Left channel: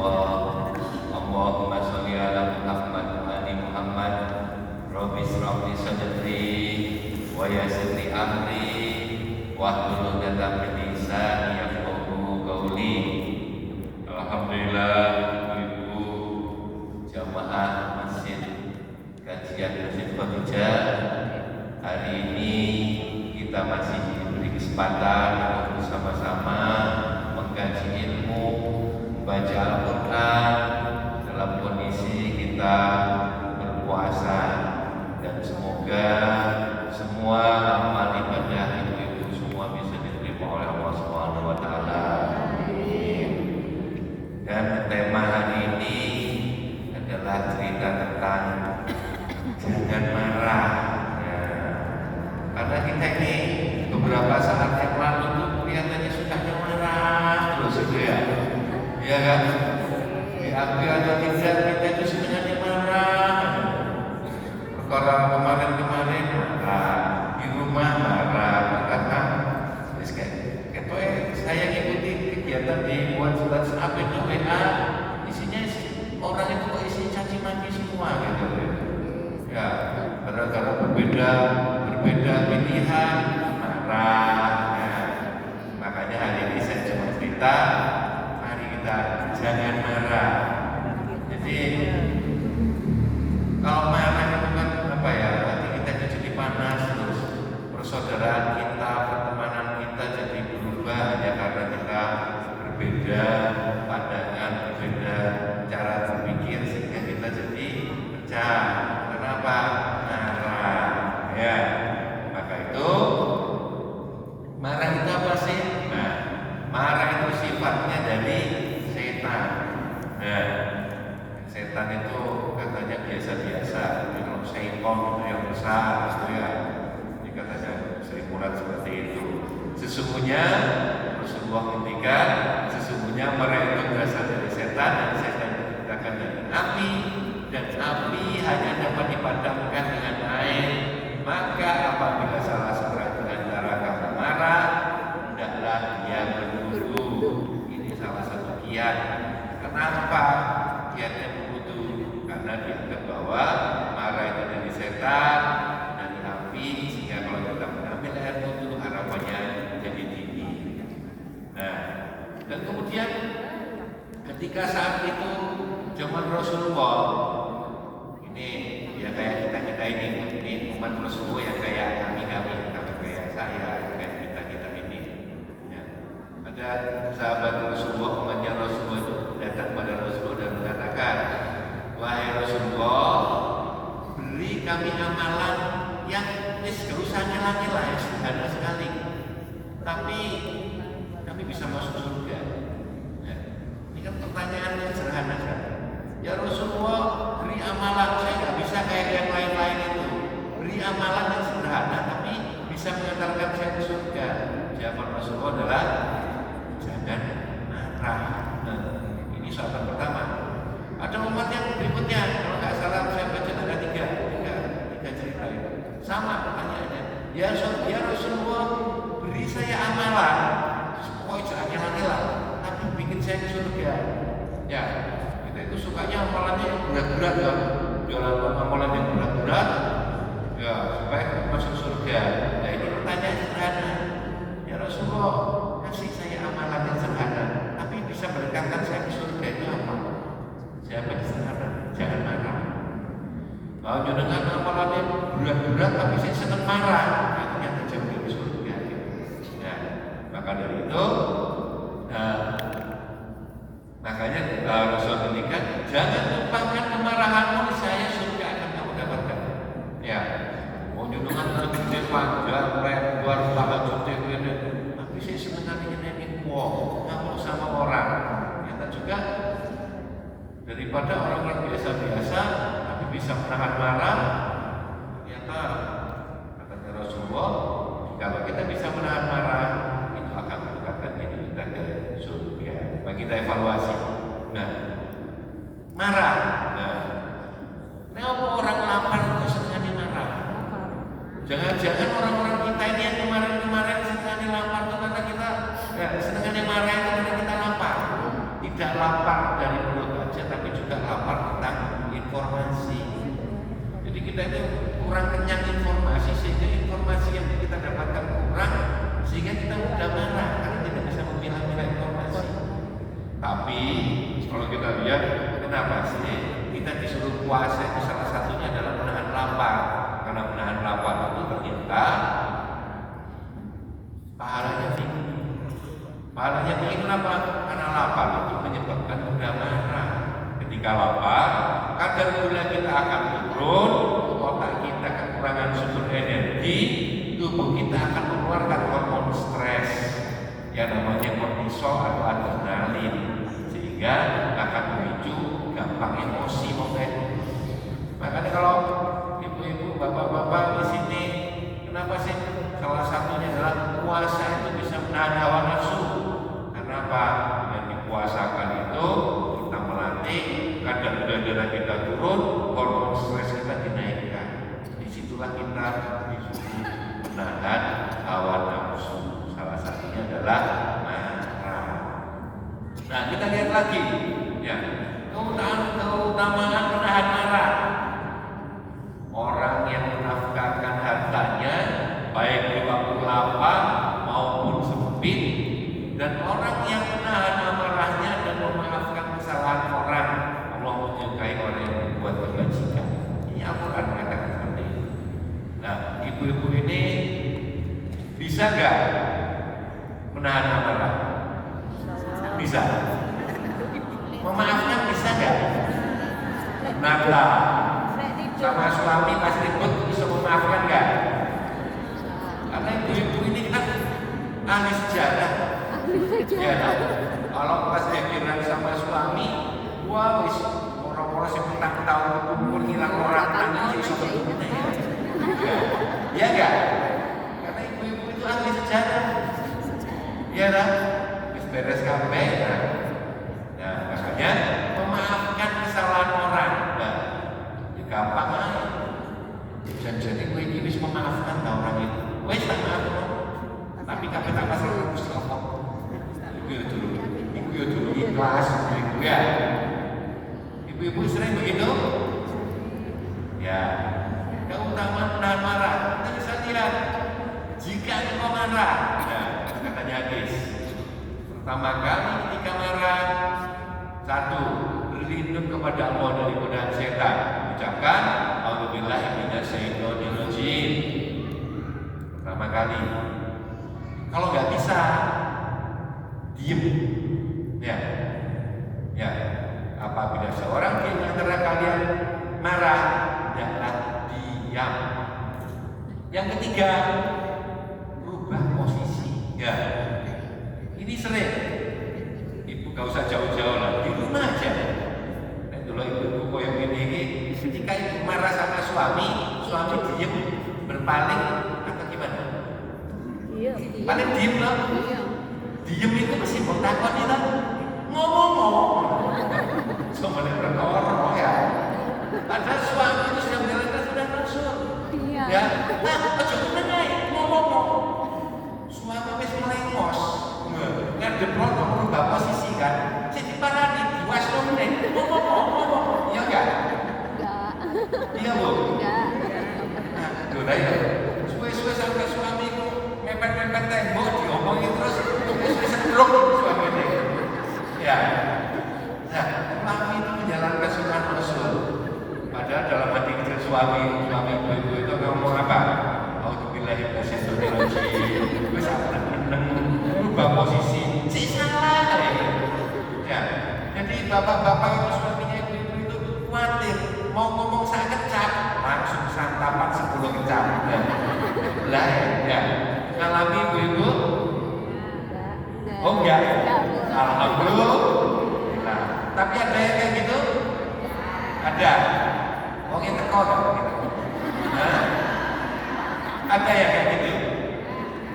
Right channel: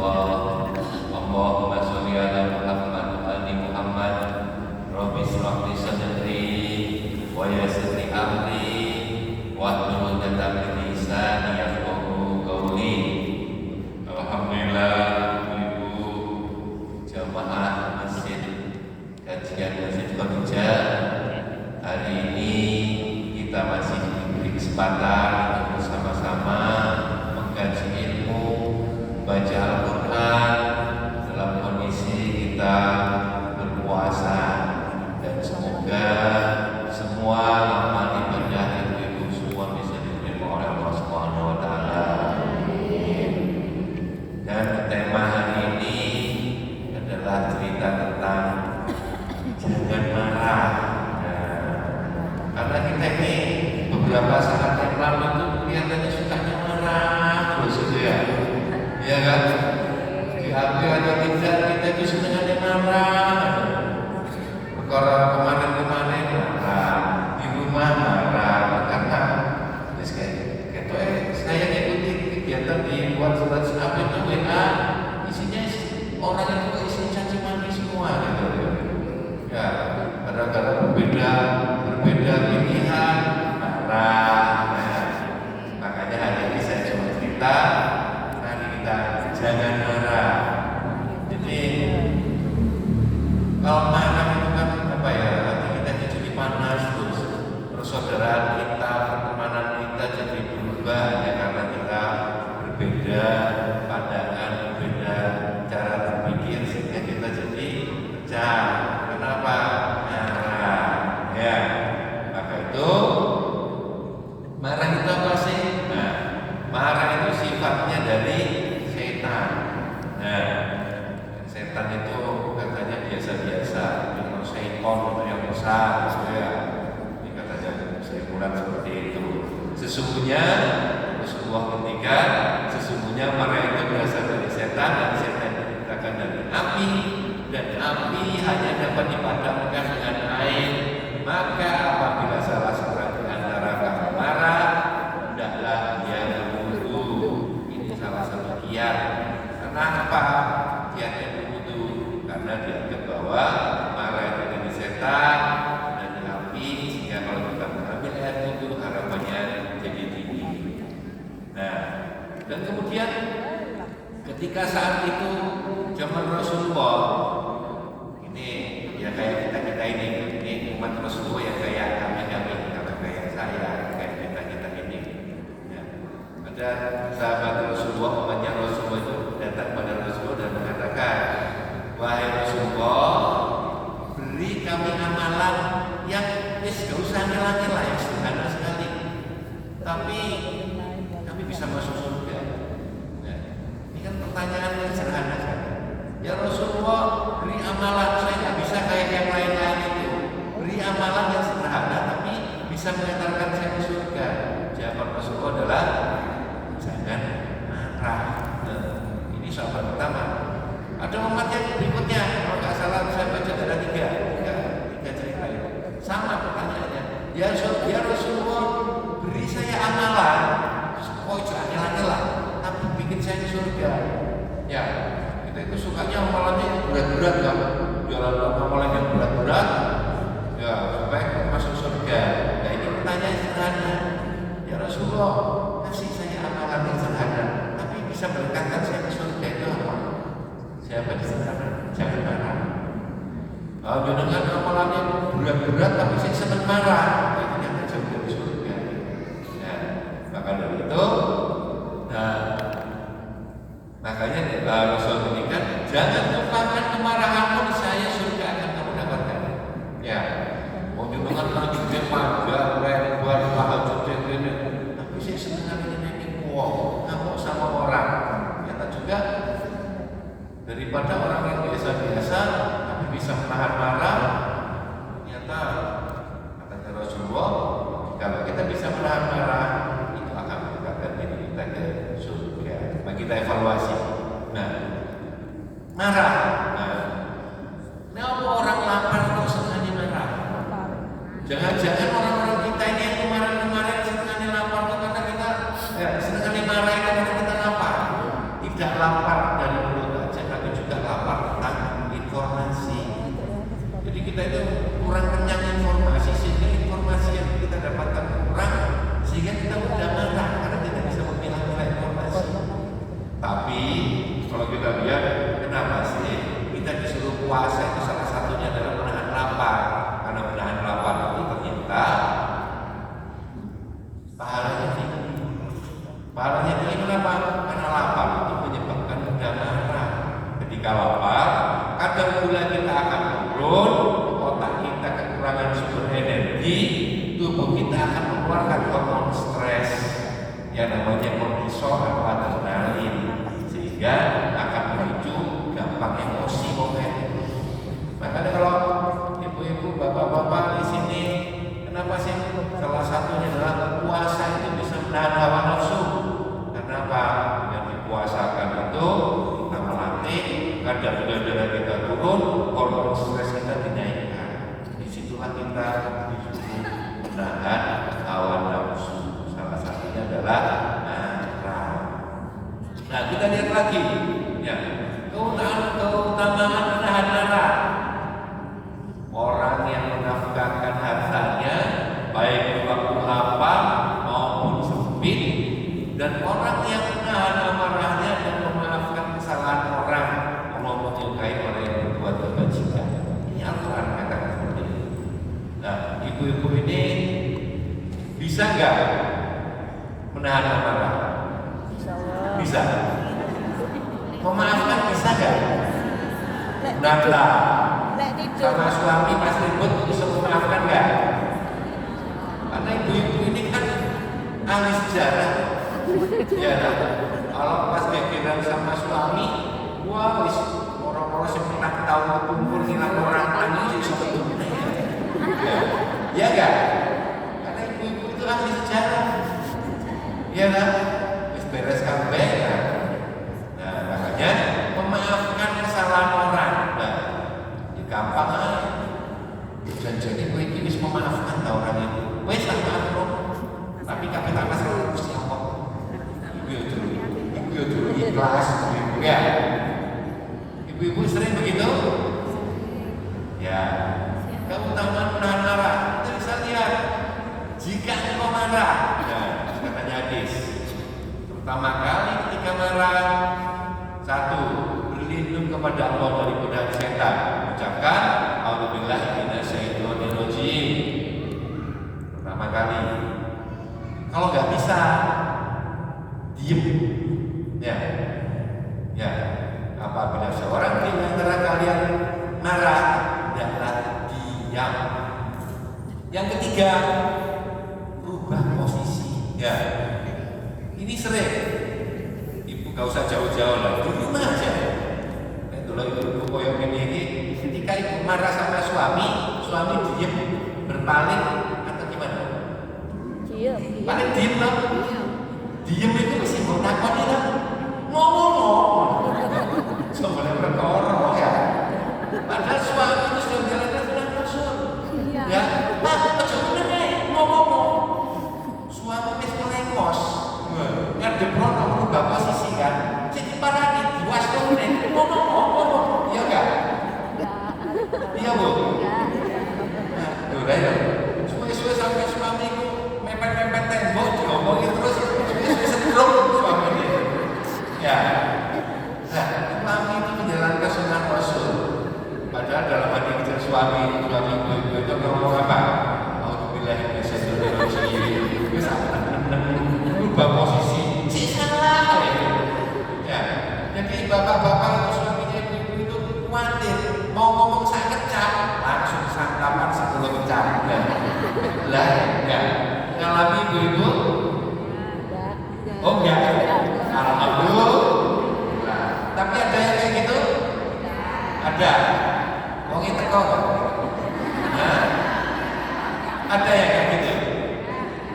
Rasulullah. Allahumma sholli ala Muhammad wa ali Muhammad. Rabbi shrah li sadri wa yassir li amri wahlul 'uqdatam min lisani yafqahu qawli. Alhamdulillah, Ibu jamaah masjid kajian Masjid Khadijah. Hari ini kita masih diberi kesempatan untuk bersama-sama mengkaji ilmu, membaca Al-Quran dalam kondisi kita berpuasa, dan semoga semua amal ibadah ibu-ibu semua bisa diterima oleh Allah Subhanahu wa Ta'ala. Dan tema hari ini adalah cerita tentang jangan marah. Karena kita ini beberapa saat yang lalu tuh kelihatannya sukanya marah terus ya, ya kan? Diakui atau tidak kita itu sukanya marah. Perkara kemarin marah, di rumah marah, karena terus kayak saya ikuti kegiatan di WhatsApp itu WA, isinya orang itu isi caci maki semua gitu ya. Gara-gara berbeda pilihan marah. Makanya hari ini saya cuma cerita, mari kita jangan marah. Jadi kalau marah itu kan apa ya, nanti kita jadi panas, terus persaudaraan kita, pertemanan kita jadi berubah ya, karena kita berbeda pandangan, berbeda cara berpikir, sehingga kita jadi pecah. Kenapa? Marah ya. Marah itu apa sih? Nah, marah itu sifatnya dari setan. Nah, setan itu katanya biasa-biasa, yang setan itu yang besar, ya. Ini katanya selimuran seperti itu. Sesungguhnya Rasulullah ngendikan, sesungguhnya marah itu berasal dari setan, dan setan diciptakan dari api, dan api hanya dapat dipadamkan dengan air. Maka apabila salah seorang di antara kamu marah, hendaklah dia berwudu. Ini salah satu kiat. Kenapa kiatnya berwudu? Karena dianggap bahwa marah itu dari setan, dari api, sehingga kalau kita mengambil air wudu harapannya jadi tinggi. Nah, dan kemudian ketika saat itu zaman Rasulullah, ini ya kayak kita ini umat Rasulullah yang kayak kami kayak saya, kayak kita ini ya. Ada sahabat Rasulullah, umatnya Rasulullah itu datang pada Rasulullah dan mengatakan, wahai Rasulullah, beri kami amalan yang gak usah ngilang-ngilang, yang sederhana sekali, tapi kami bisa masuk surga. Ya. Ini kan pertanyaan yang sederhana saja. Ya Rasulullah, beri amalan, saya nggak bisa kayak yang lain-lain itu. Beri amalan yang sederhana tapi bisa mengantarkan saya ke surga. Jawaban Rasulullah adalah jangan marah. Nah, ini sahabat pertama. Ada umat yang berikutnya, kalau nggak salah saya baca ada tiga cerita itu. Sama pertanyaannya. Ya Rasulullah, beri saya amalan, kok jangan hilang-hilang, tapi bikin saya ke surga. Ya. Itu sukanya amalannya berat-berat kan, jualan amalan yang berat-berat ya supaya masuk surga. Nah ini pertanyaan sederhana, ya Rasulullah, kasih saya amalan yang sederhana tapi bisa mendekatkan saya ke surga, itu apa? Siapa yang sederhana? Jangan marah. Kalau dengan amalannya berat-berat tapi saya senang marah, itu yang jauh dari surga. Ya, maka dari itu, makanya Rasul mengingatkan, jangan lupakan kemarahanmu, saya surga akan kamu dapatkan. Ya, mau junungan lanjutnya panjang, lebar, tahajudnya gini, tapi saya sebenarnya ini ngomong sama orang. Ternyata juga daripada orang yang biasa-biasa tapi bisa menahan marah, ternyata katanya Rasulullah, kalau kita bisa menahan marah, itu akan mendapatkan diri kita ke surga. Mari kita evaluasi. Nah, marah. Kenapa orang lapar kok senang marah? Jangan-jangan orang-orang kita ini yang kemarin-kemarin senang lapar itu karena kita senang marah itu karena kita lapar. Tidak lapar dari kita itu kurang kenyang informasi, sehingga informasi yang kita dapatkan kurang, sehingga kita mudah marah karena tidak bisa memilah-milah informasi. Tapi kalau kita lihat, kenapa sih kita disuruh puasa itu salah satunya adalah menahan lapar. Karena menahan lapar itu ternyata pahalanya tinggi. Pahalanya tinggi kenapa? Karena lapar itu menyebabkan mudah marah. Ketika lapar, kadar gula kita akan turun, otak kita kekurangan sumber energi, tubuh kita akan mengeluarkan hormon stres yang namanya kortisol atau adrenalin, sehingga akan memicu gampang emosi momen. Makanya kalau ibu-ibu, bapak-bapak di sini, kenapa sih? Salah satunya adalah puasa itu bisa menahan hawa nafsu. Kenapa? Dengan dipuasakan itu kita melatih kadar gula darah kita turun, hormon stres kita dinaikkan. Disitulah kita disuruh menahan hawa nafsu. Salah satunya adalah marah. Nah, kita lihat lagi, ya, keutamaan menahan marah. Orang yang menafkahkan hartanya baik di waktu lapar maupun sempit, dan orang yang menahan amarahnya dan memaafkan kesalahan orang, Allah menyukai orang yang berbuat kebajikan. Ini Al-Quran katakan seperti itu. Nah, ibu-ibu ini bisa nggak menahan amarah? Bisa. Memaafkan bisa nggak? Nada. Sama suami pas ribut bisa memaafkan nggak? Karena ibu-ibu ini kan ahli sejarah. Ya, kalau pas dekiran sama suami, wah wis orang-orang sing menang tahun kekumpul hilang orang tani iso ketemu ya. Ya enggak? Karena ibu-ibu itu ahli sejarah. Iya kan? Wis beres kabeh kan. Nah, makanya memaafkan kesalahan orang. Nah, ya gampang aja. Janjane kowe iki wis memaafkan ta orang itu. Wis tak maafno. Tapi kakek tak masalah Gusti Allah. Ibu dulu ikhlas, ibu ya. Ibu-ibu sering begitu? Ya. Keutamaan menahan marah. Kita bisa lihat. Jika engkau marah, nah, katanya hadis. Pertama kali ketika marah, satu, berlindung kepada Allah dari godaan setan. Ucapkan, A'udzubillahi minasyaitonirrajim. Pertama kali. Kalau nggak bisa, diem. Ya. Ya. Apabila seorang di antara kalian marah, hendaklah diam. Yang ketiga, rubah posisi. Ya. Ini sering. Ibu gak usah jauh-jauh lah, di rumah aja. Nah, itulah ibu yang ini. Ketika ibu marah sama suami diem, berpaling atau gimana? Paling diem lah. Diem itu mesti mau takut ya lah. Ngomong. Sebenarnya orang ya. Padahal suami itu sudah menjalankan sunnah Rasul. Ya, Pak, ojo meneh ngomong. Suami wis melengos. Ngadep rono merubah posisi kan. Jadi parani diwasno meneh ngomong. Iya enggak? Iya, Bu. Nah, udah ya. Suwe-suwe sampai suami itu mepet-mepet tembok diomongin terus setruk suami dia. Ya. Nah, suami itu menjalankan sunnah Rasul. Padahal dalam hati kecil suami ibu itu ngomong apa? A'udzubillahi minasyaitonirrajim. Wis berubah posisi. Si salah ya. Jadi bapak-bapak itu suaminya ibu itu khawatir mau ngomong saya kecap, langsung santapan 10 kecap. Ya. Lah, ya. Ngalami ibu-ibu? Oh enggak. Alhamdulillah. Nah, tapi ada yang kayak gitu? Ada. Wong iki teko kan? Nah, ada yang kayak gitu?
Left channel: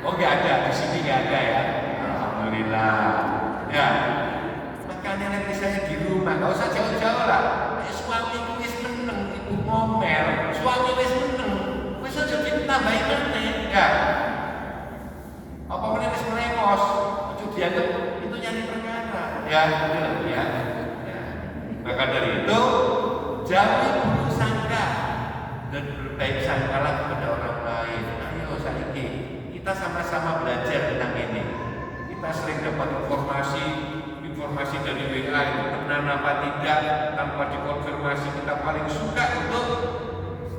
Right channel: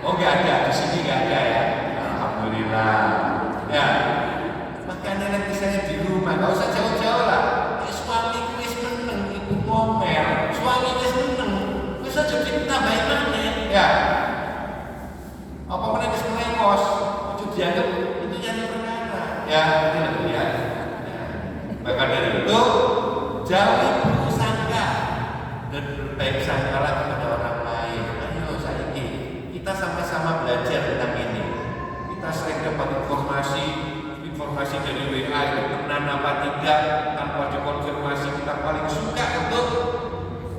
Oh enggak ada, di sini enggak ada ya. Alhamdulillah. Ya. Makanya nek misalnya di rumah enggak usah jauh-jauh lah. Suami wis meneng, ibu ngomel, suami wis meneng, wis aja ditambahi maneh. Ya. Apa meneh wis melengos, ojo dianggap itu nyari perkara. Ya, itu ya. Maka dari itu jauhi buruk sangka dan berbaik sangkalah kepada orang lain. Ayo saiki kita sama-sama belajar tentang ini. Kita sering dapat informasi dari WA itu benar apa tidak tanpa dikonfirmasi. Kita paling suka untuk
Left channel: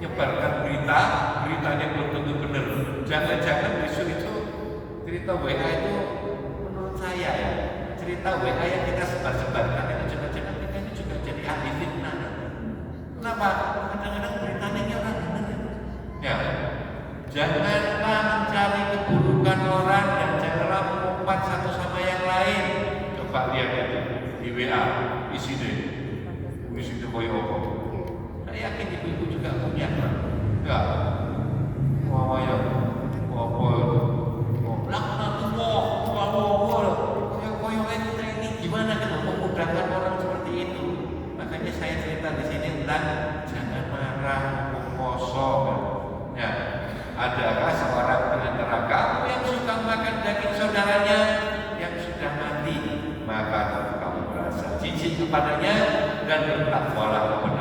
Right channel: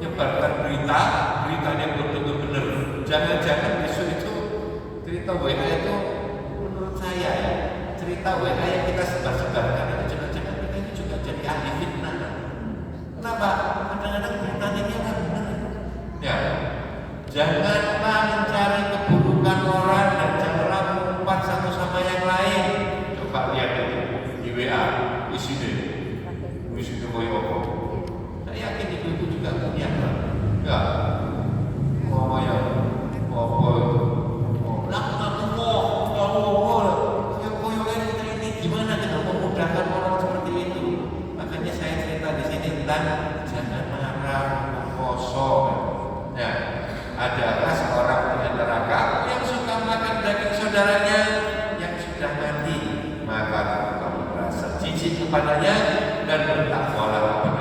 menyebarkan beritanya belum tentu benar. Jangan-jangan besok itu cerita WA itu, menurut saya ya, cerita WA yang kita sebar-sebarkan itu jangan-jangan kita ini juga jadi ahli fitnah. Kenapa? Kadang-kadang beritanya ini orang benar. Ya, janganlah mencari keburukan orang dan janganlah mengumpat satu sama yang lain. Coba lihat itu di WA, isinya koyo apa? Saya yakin ibu-ibu juga punya. Ya, oh ya, apa itu? Gimana kita memudahkan orang seperti itu? Makanya saya cerita di sini tentang jangan marah, kosong. Ya, adakah seorang di antara kamu yang suka makan daging saudaranya yang sudah mati? Maka kamu merasa jijik kepadanya dan bertakwalah kepada